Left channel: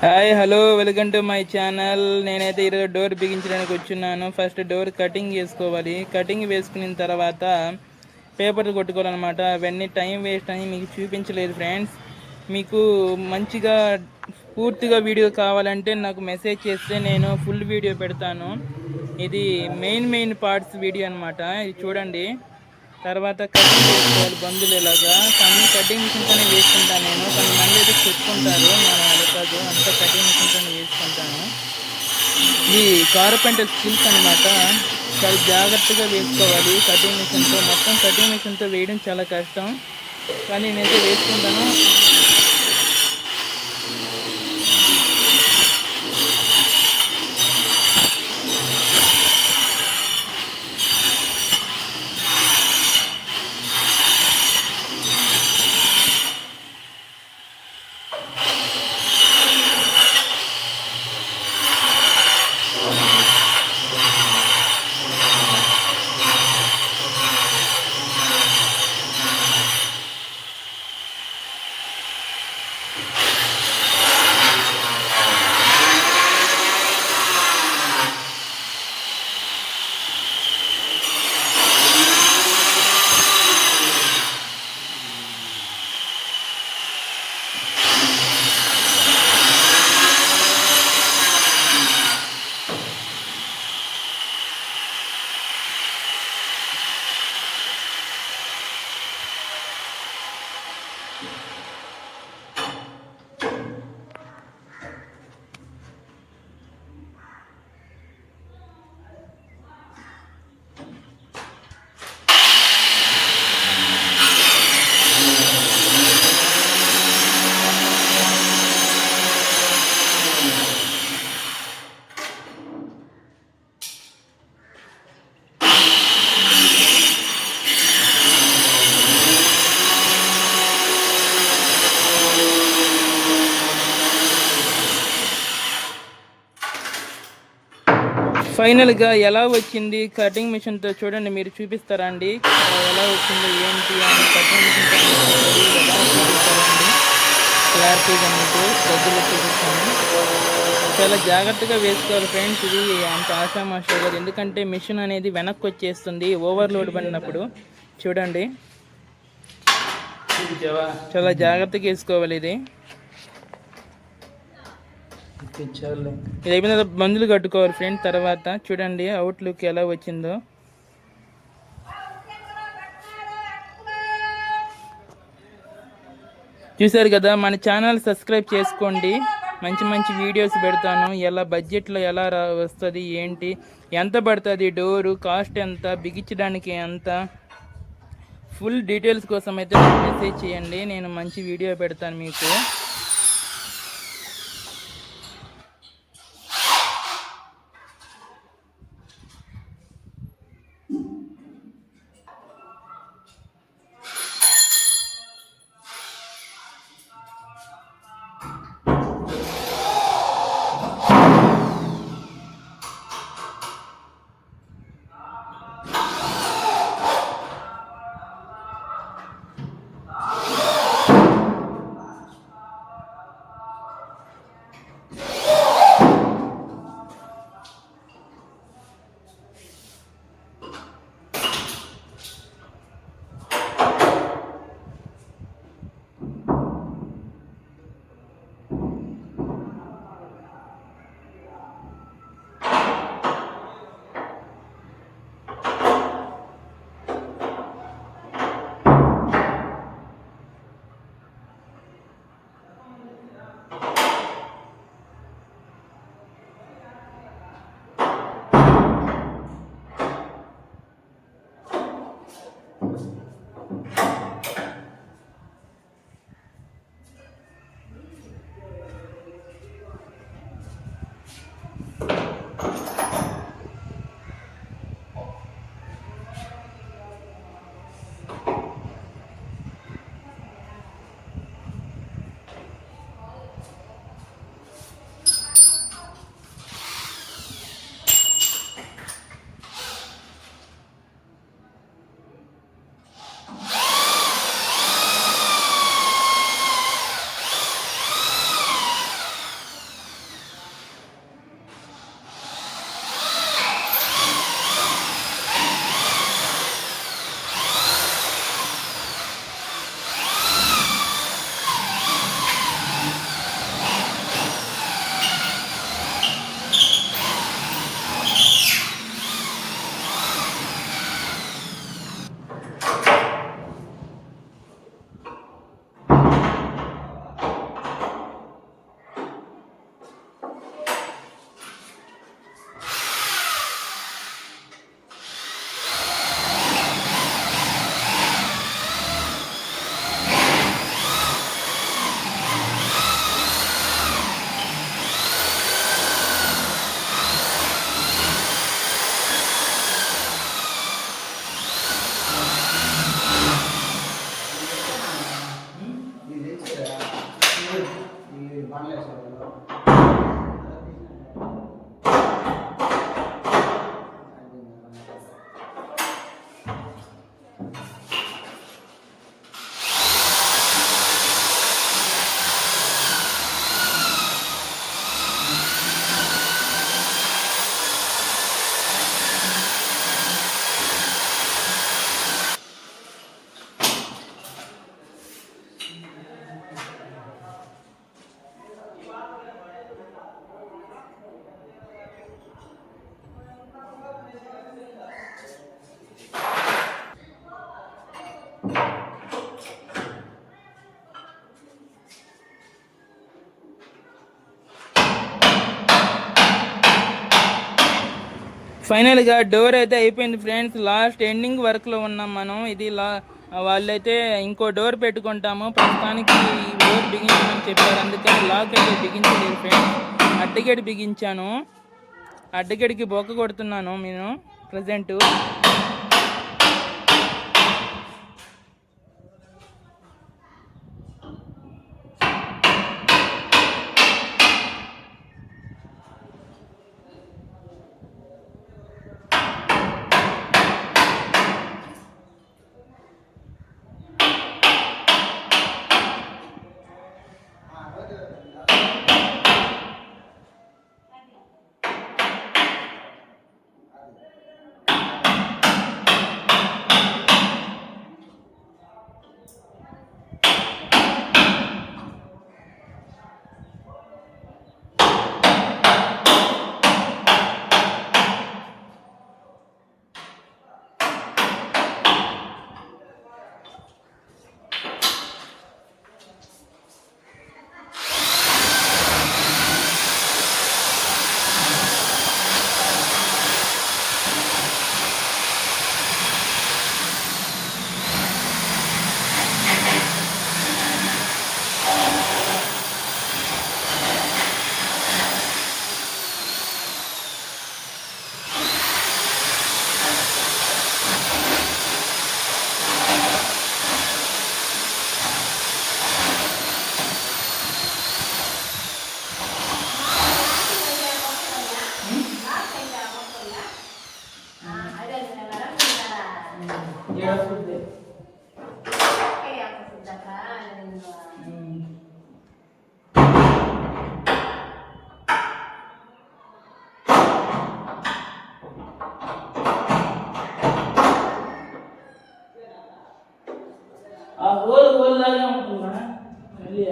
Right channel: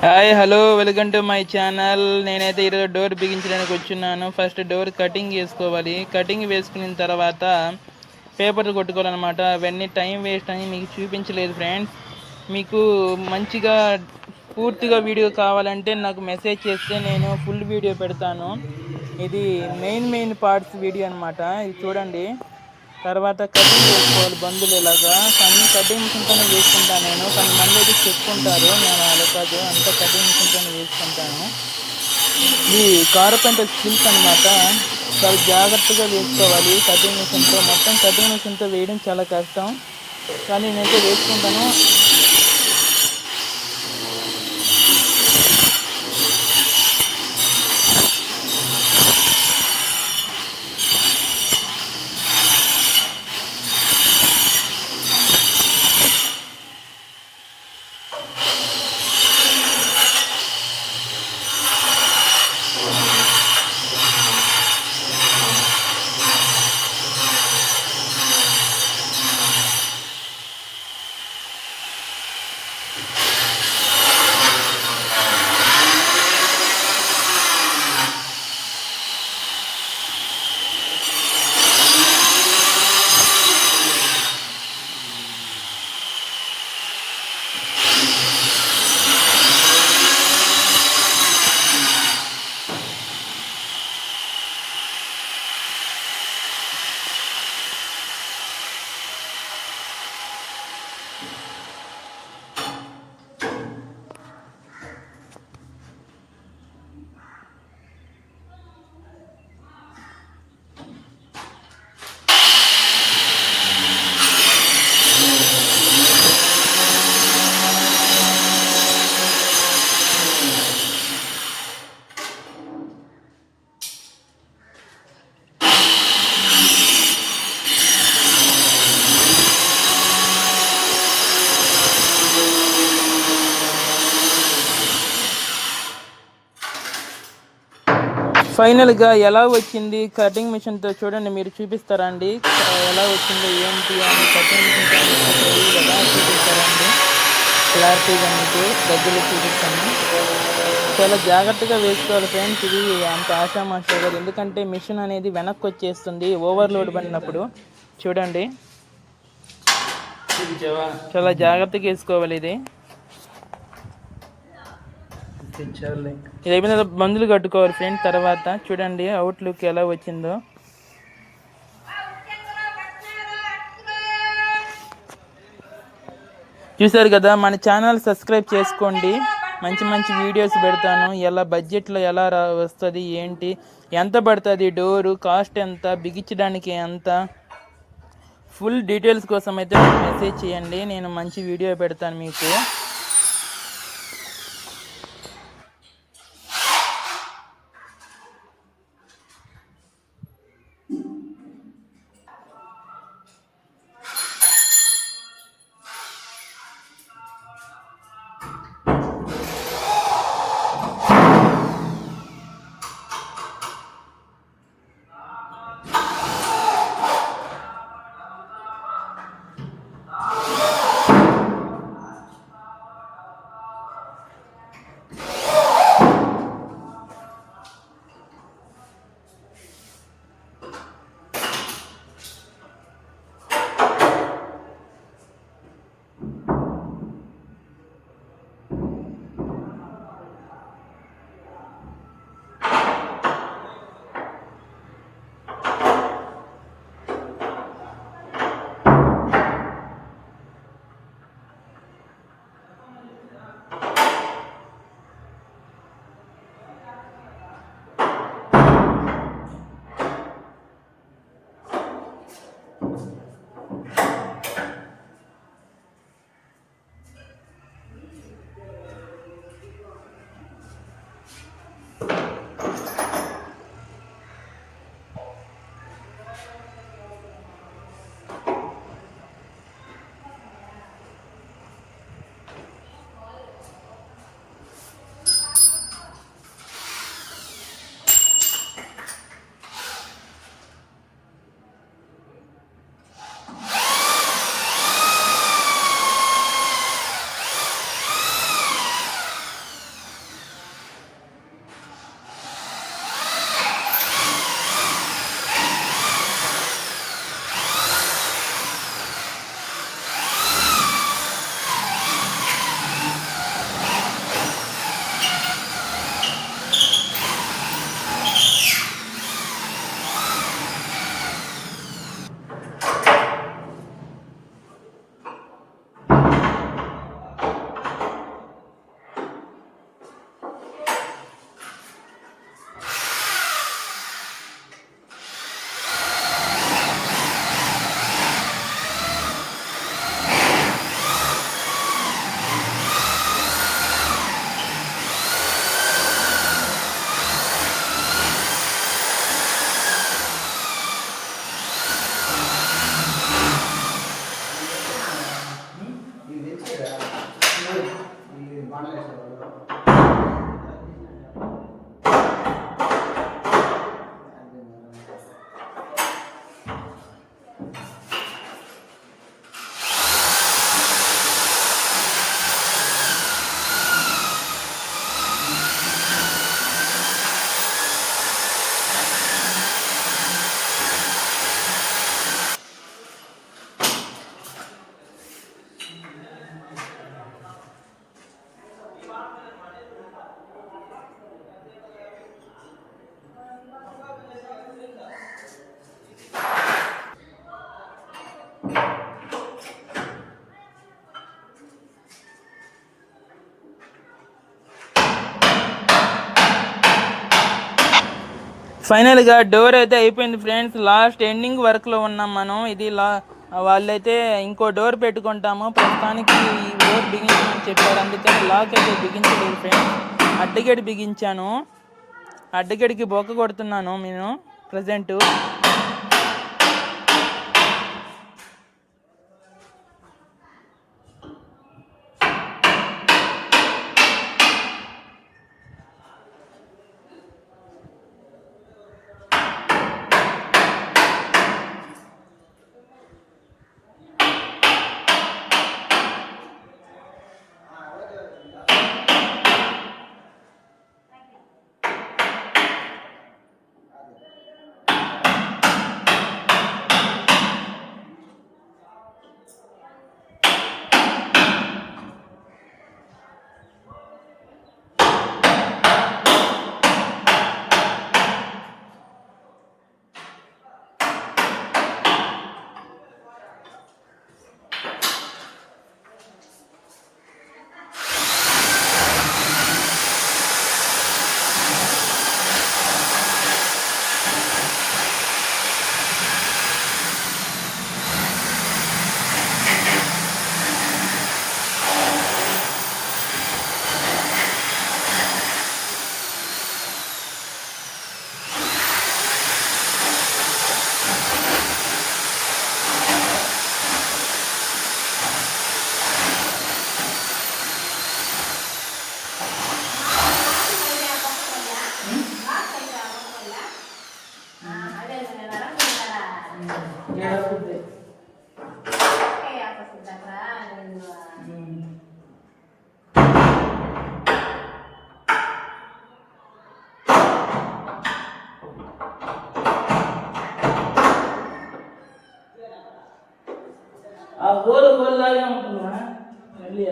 Hi hello welcome to my channel నేనైతే ఈరోజు door బిగించడానికి వచ్చున్నాను. ఫస్ట్ డోర్ కటింగ్ వేసుకోవాలి కటింగ్ వేసుకున్న తర్వాత పేపర్లు కొట్టుకోవాలన్నమాట. అవన్నీ టైం వేస్ట్ అని మీకు చూపించలేదు ఫ్రెండ్స్ మీకు మంచిగా పూర్తిగా వీడియో కావాలంటే నాకు మెసేజ్ చేస్తే నేను ఫుల్ వీడియో పెడతాను. ఇది మెయిన్ మెయిన్ పార్ట్స్ వీడియో అనమాట ఇది చూడండి. తర్వాత కటింగ్ చేసుకోవాలి బంధువులు ఇలాగా. కానీ కటింగ్ మిషన్తోనే వేసుకుంటాను నేను. కొంతమంది అయితే చెప్పుకుంటారు నేను అలకాదు అంతా కటింగ్ మిషన్తోనే వేసుకుంటాను. ఈ కార్పెంటర్ స్కిల్స్ అనమాట చాలా జాగ్రత్తగా వేసుకోవాలి కటింగ్ మిషన్తో. మొత్తం కటింగ్ మిషన్తో వేయడం చాలా కష్టం. కానీ నేనైతే వేసుకుంటాను. ఫైనల్గా ఎలా వచ్చింది కటింగ్ మిషన్తో చూడండి మీరు చూపిస్తారా అండి ఎలా వచ్చిందో ఏంటి అని కటింగ్ మిషన్తో ఎలా చూపిస్తారండి? క్లారిటీగా మీకు దగ్గరలో చూపిస్తాను. చాలా జాగ్రత్తగా వేసుకోవాలి ఫ్రెండ్స్. ఇది అంత ఆశామాషా కాదు ఎందుకంటే మిషన్ అనేది వెనక్కి వచ్చేస్తుంది ఓవర్లోడ్ పడినప్పుడు. చూడండి. చాలా జాగ్రత్తగా వేసుకోవాలి ఇది. ఇది అయిపోయిన తర్వాత మందులు కట్టుకోవాలి ఫ్రెండ్ తర్వాత చూడండి అవుట్లుక్ ఎలా వచ్చిందో. చూసారు కదా మన ఛానల్ సబ్స్క్రైబ్ చేసుకోండి. మంచి మంచి వీడియోస్ పెడతాను. ఎలా బడ్జెట్లో ఎలా రా వస్తుంది ఏంటి ఎంత పడుతుంది డోరు కాస్ట్ ఎంత బిగించడానికి ఎంత. ఫుల్ డీటెయిల్స్ కోసం అయితే మెసేజ్ చేయండి. నేను మంచి వీడియో పెడతాను మీకు. ఫైనల్గా డోర్ అయితే అయిపోయింది ఫ్రెండ్స్ లాస్ట్ ఎండింగ్ వర్క్లో ఉన్నాం మనం. ఇది లా వాళ్ళైతే ఇంకో డోర్ పెట్టుకుంటాము. ప్రస్తుతానికి ఈ డోర్ బిగించమని చెప్పారు. అందుకని లాక్ అయితే బిగించలేదు ఫ్రెండ్స్ అడ్డగేడి బిగించాను. అడ్డగేడికి బొక్క కొడుతున్నాను నేను ప్రజెంటు ఆ హోల్ హోల్ లాగా ఉంటుందా మళ్ళీ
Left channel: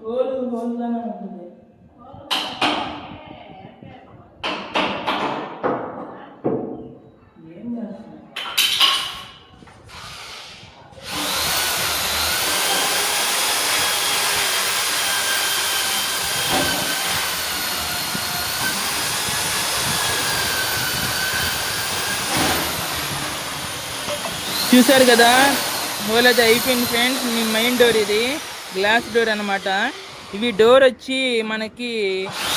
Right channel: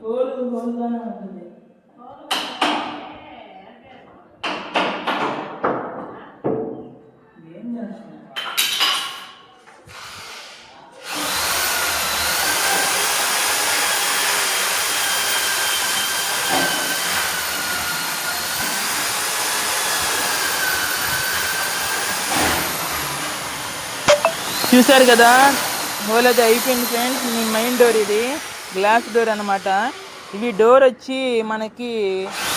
హోల్ హోల్ లాగా చూసారు కదా? హోల్ అది అయిపోయింది ఫ్రెండ్స్ మీ మెయిన్ డోర్ ఇది. గ్లాస్ డోర్ అనమాట ఇవి డోర్ వచ్చి మనకి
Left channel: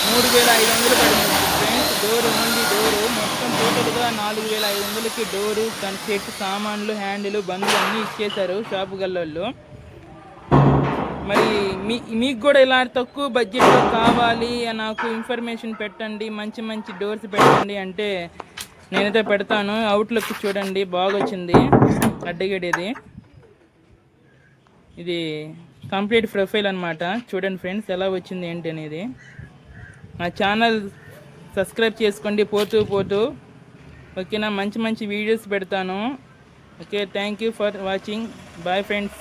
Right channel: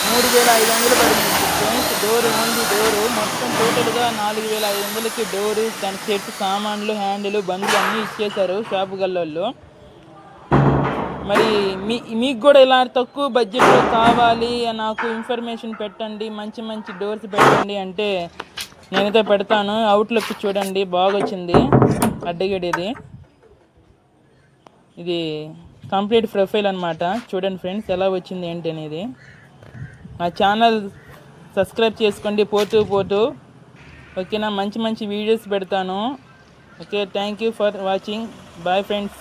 మూడు వేల ఐదు వందలు పడింది ఫ్రెండ్స్ డోర్ ఓన్లీ డోరు మొత్తం టోటల్గా నాలుగు వేల ఐదు వందలకి డోరు దాని సెట్ సామాన్లు హ్యాండిల్ బండ్లు అన్నీ ఇచ్చేశారు షాపు గల్లోళ్ళు. మరి మీ మీకు కూడా ఇలా తక్కువ బడ్జెట్లో కావాలి నాకు ఇన్ఫర్మేషన్ పెట్టండి మంచి మంచి డోర్స్ పెట్టండి అంటే నేనైతే పెడతాను. అవుట్లుక్ చూడండి. బాగా వచ్చింది అడ్డగడేది. ఇది కంప్లీట్ ప్రొఫైల్ అనమాట చూడండి ఫ్రెండ్స్ ఎలా వచ్చింది ఏంటి అనేది. నా ఛానల్ సబ్స్క్రైబ్ చేసుకోండి. పోతూ పోతూ. ఓకేనా? మంచి మంచి వీడియోస్ పెడతాను. Okay thank you for watching bye friends